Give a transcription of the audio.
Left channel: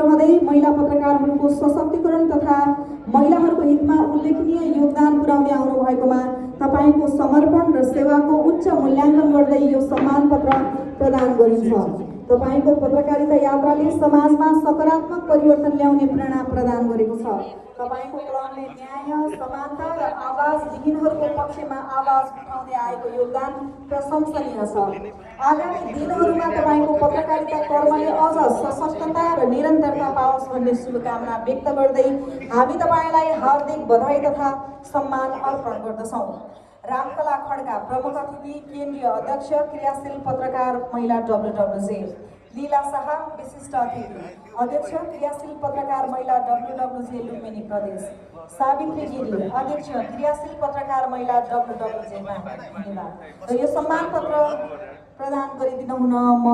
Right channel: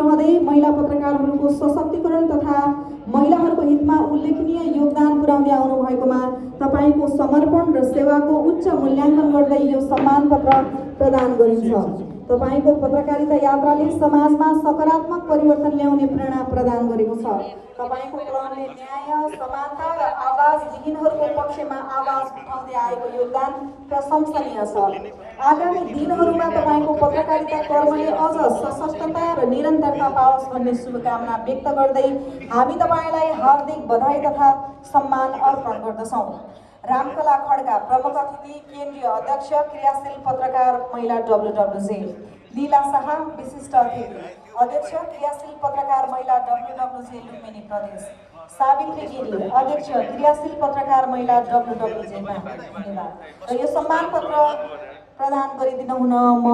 रहँदै महिला पत्रकारहरूको सशक्तिकरण तथा महिलाहरूको हितमा उल्लेखनीय योगदान पुर्याउँदै आउनु भएकोमा तपाईँको समर्पण र सेवाको उच्च मूल्याङ्कन गर्दै यो सम्मान पत्र प्रदान गरिन्छ। तपाईँको पत्रकारिता यात्राले समाजमा सकारात्मक परिवर्तन ल्याउने प्रेरणा प्रदान गरेको छ। तपाईँको कलमले न्याय, समानता र आवाजविहीनहरूको पक्षमा आवाज उठाउँदै आएको योगदान प्रशंसनीय छ। आगामी दिनहरूमा तपाईँको पत्रकारिता कर्मले अझ सशक्तता र निरन्तरता पाओस् भन्ने शुभकामना व्यक्त गर्दै हामी तपाईँलाई हार्दिक बधाई तथा सम्मान अर्पण गर्दछौँ। रामकला खड्का प्रमुख अतिथि, केन्द्रीय अध्यक्ष, क्रियाशील पत्रकार महिला WWJ। लीला शाह विशिष्ट अतिथि, अध्यक्ष, क्रियाशील पत्रकार महिला WWJ लुम्बिनी प्रदेश। सावित्री गिरी, अध्यक्ष, क्रियाशील पत्रकार महिला WWJ। धन्यवाद। र यो सम्मान पत्र प्रदान गरिदिनु हुन म